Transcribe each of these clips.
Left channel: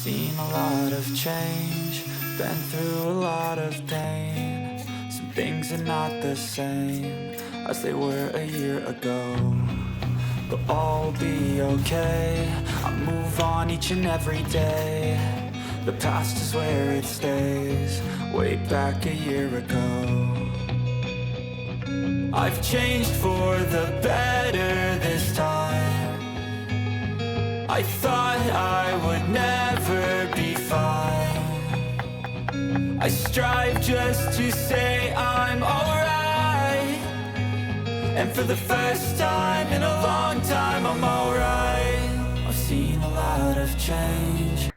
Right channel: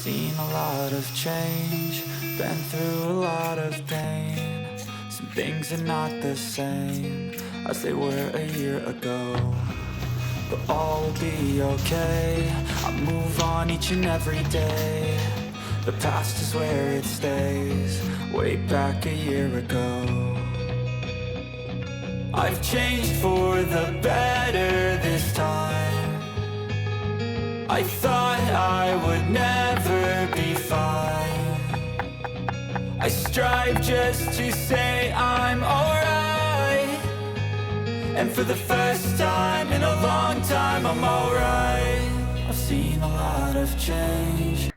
seen a lot of change, been through a lot of pain. Some things are not the same as they were a year ago, but all will be okay. I move on each and every day. The past is where it stays, way back a year ago. I've changed for the better this time. I thought I would never be fine. I strive just to say I'm alright, and for the first time in a long time I'm alright. I've seen a lot of change.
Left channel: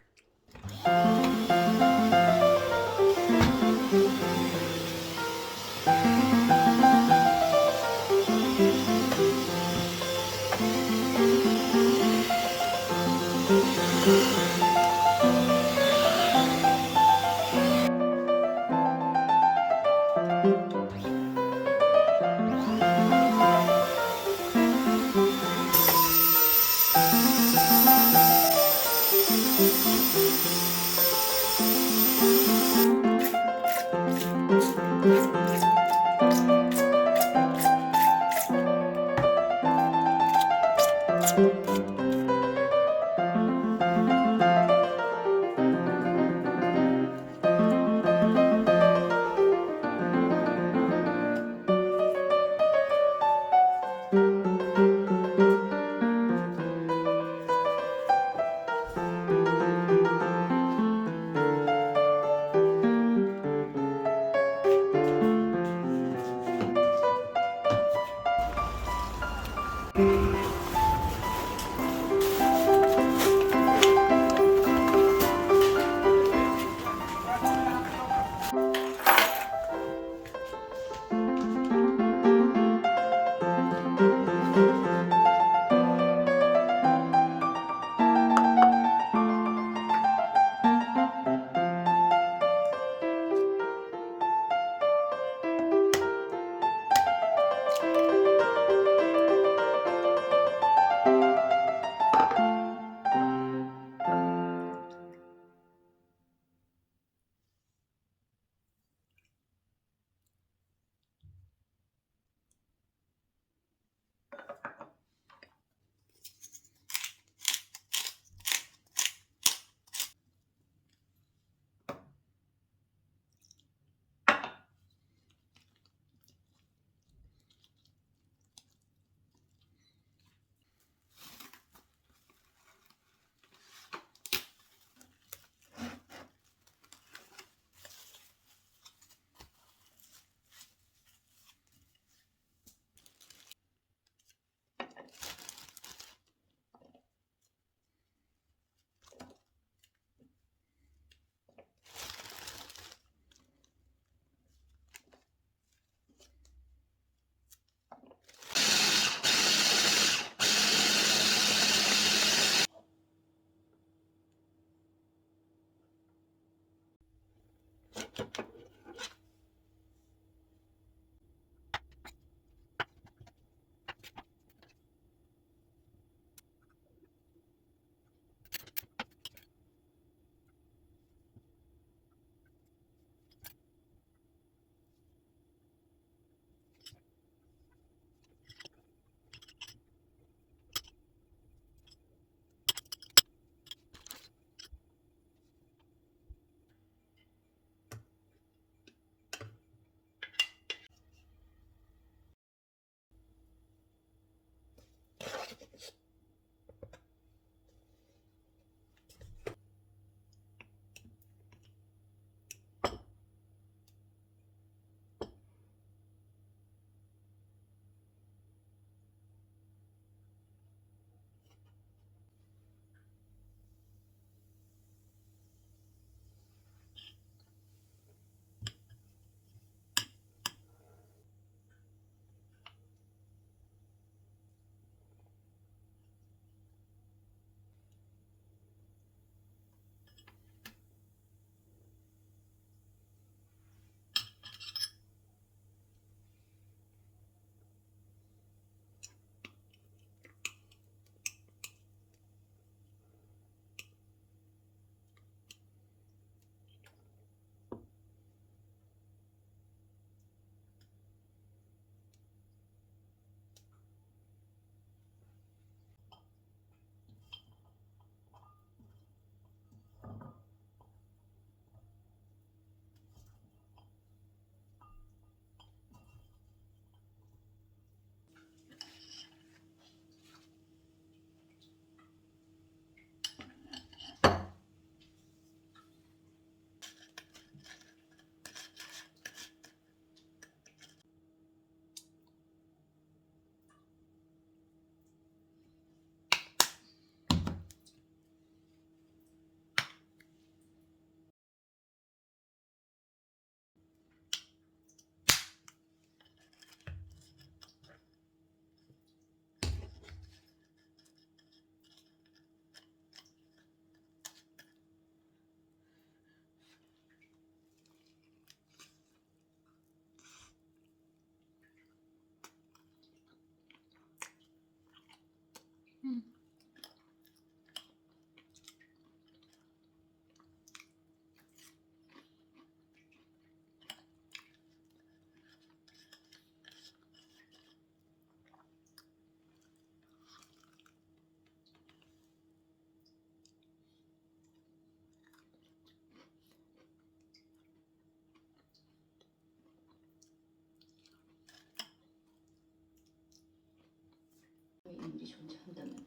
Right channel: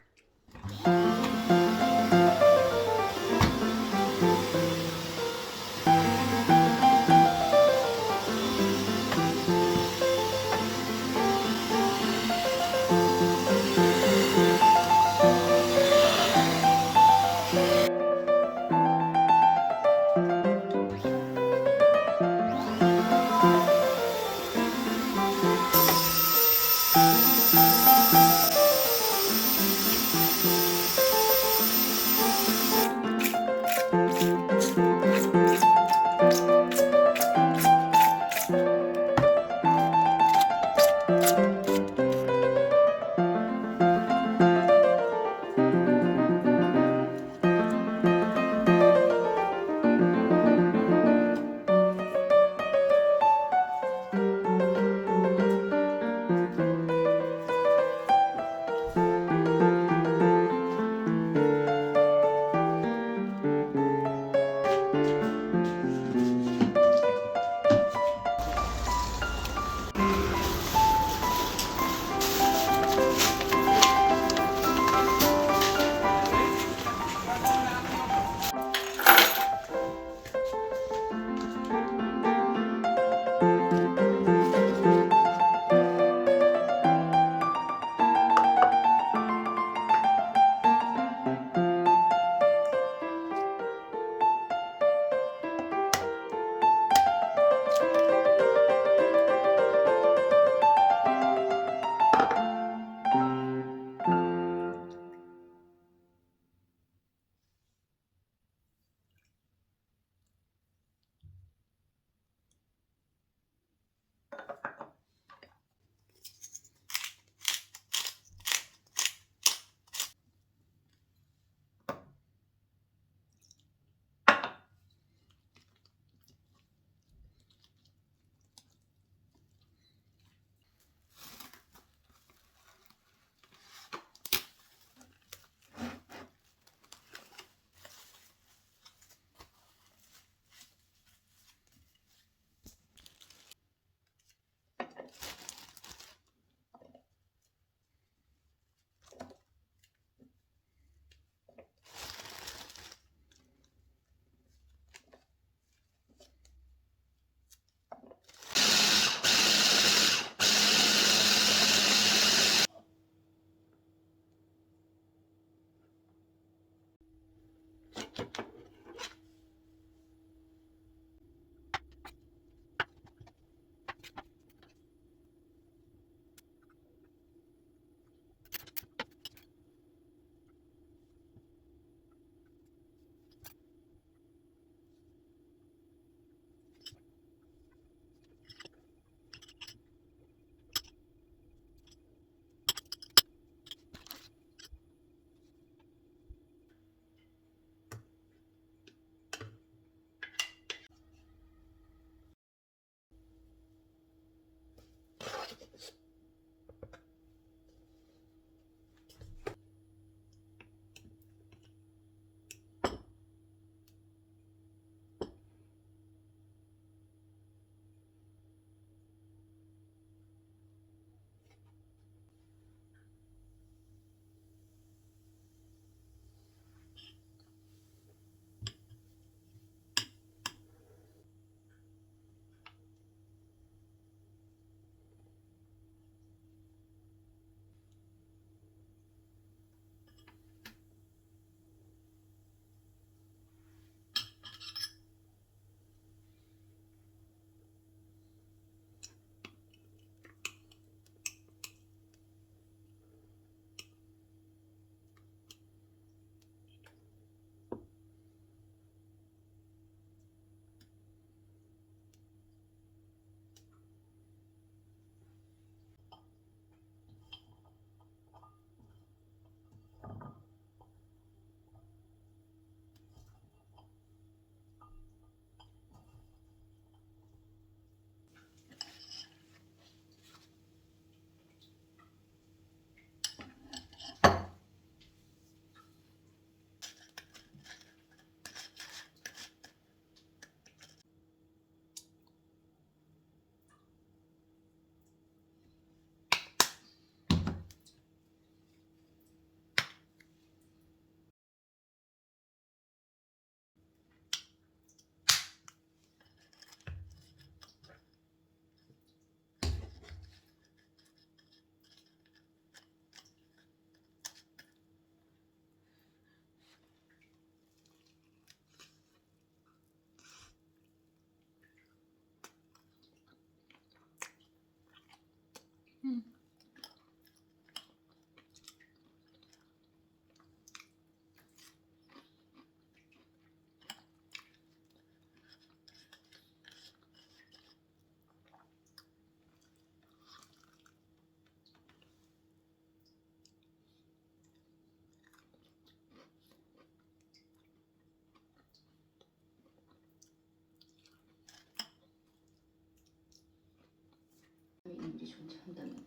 없이 혼자 한다면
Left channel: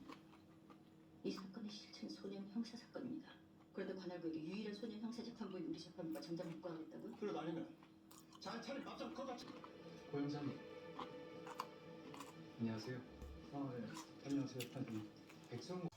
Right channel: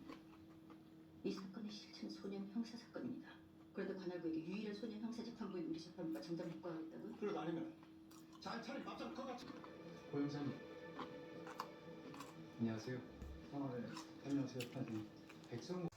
이 사건의 실체는 소년 형사 사건입니다. 그런데 관할구에게 유일한 소년 형사 재판부인 우리 재판부가 장장 묵과하겠다고요? 그것 아니면 잘 차린 밥상 커가지고. 고영사님 안녕하세요. 네. 안녕하세요, 판사님. 백성우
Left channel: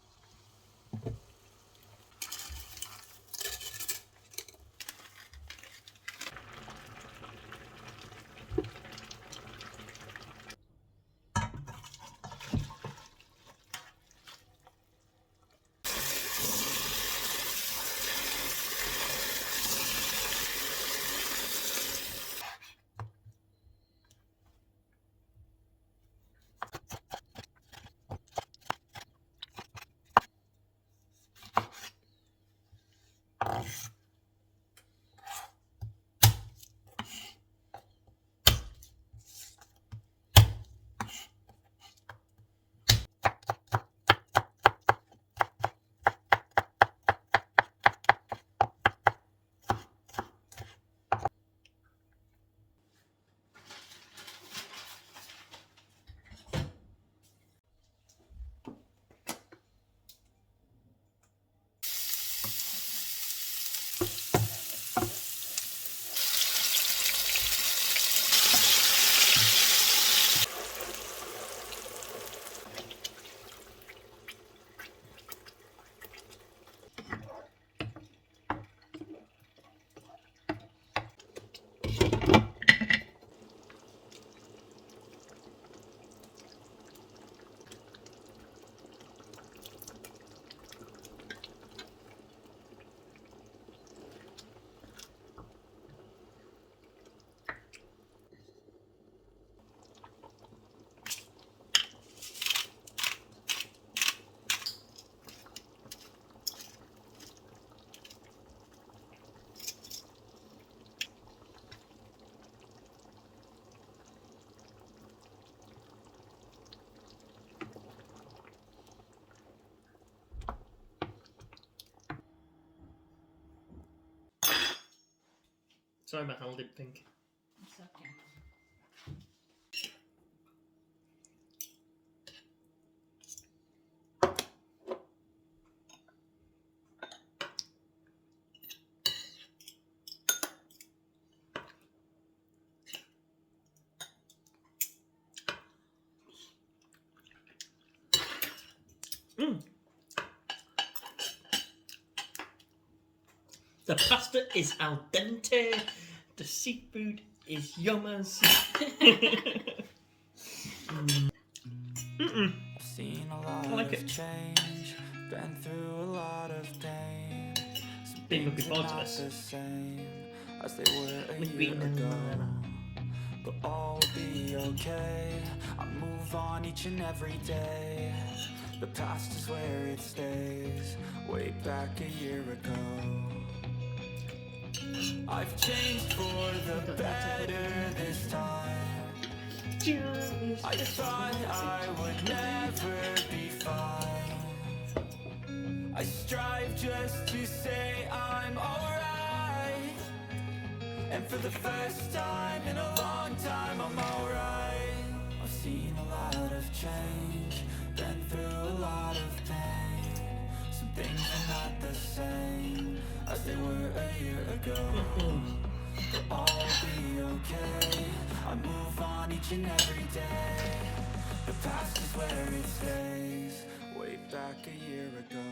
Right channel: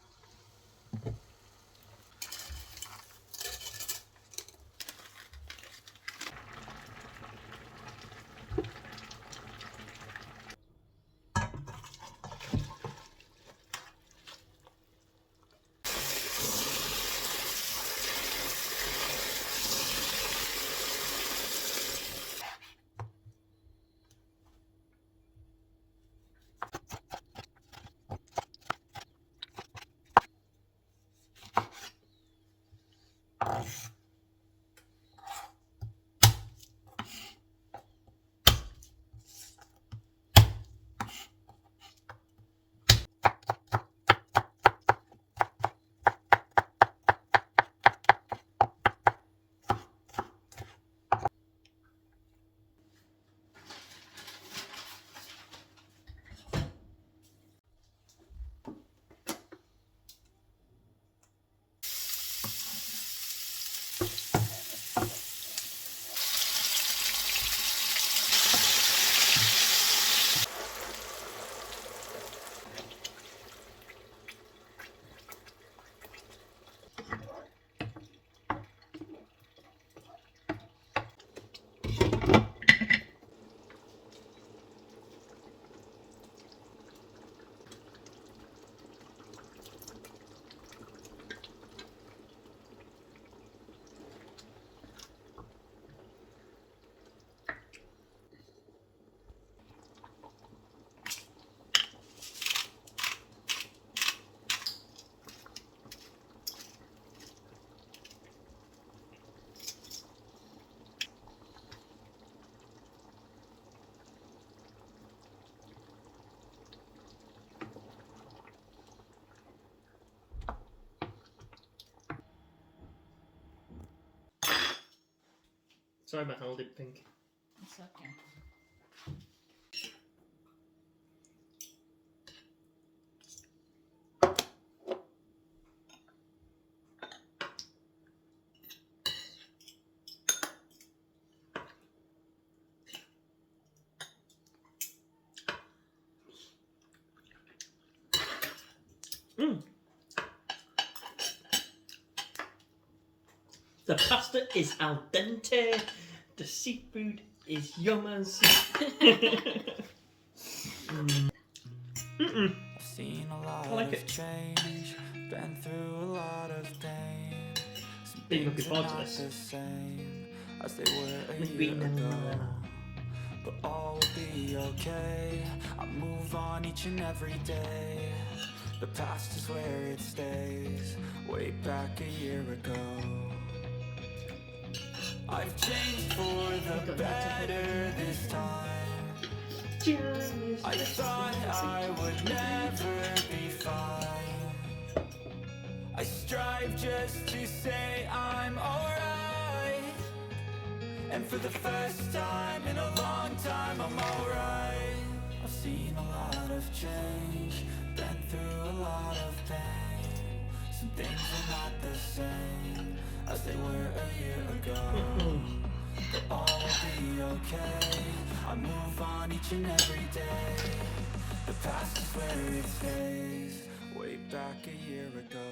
Sorry about my lip pink. It's okay. The pasta is al dente. The seafood is yum as. I've seen a lot like of it. change, been through a lot of pain. Some Been looking things are forward to not this. the same as they were a Maybe year no. ago. But all will be okay. I move on each and every day. The past is where it stays, way back a year ago. I've changed for the better this time. I thought I would never be fine. I strive just to say I'm alright. And for the first time in a long time I'm alright. I've seen a lot of change, been through a lot of pain. Some things are not the same as they were a year ago. But all will be okay. I move on each and every day. The past is where it stays, way back a year ago.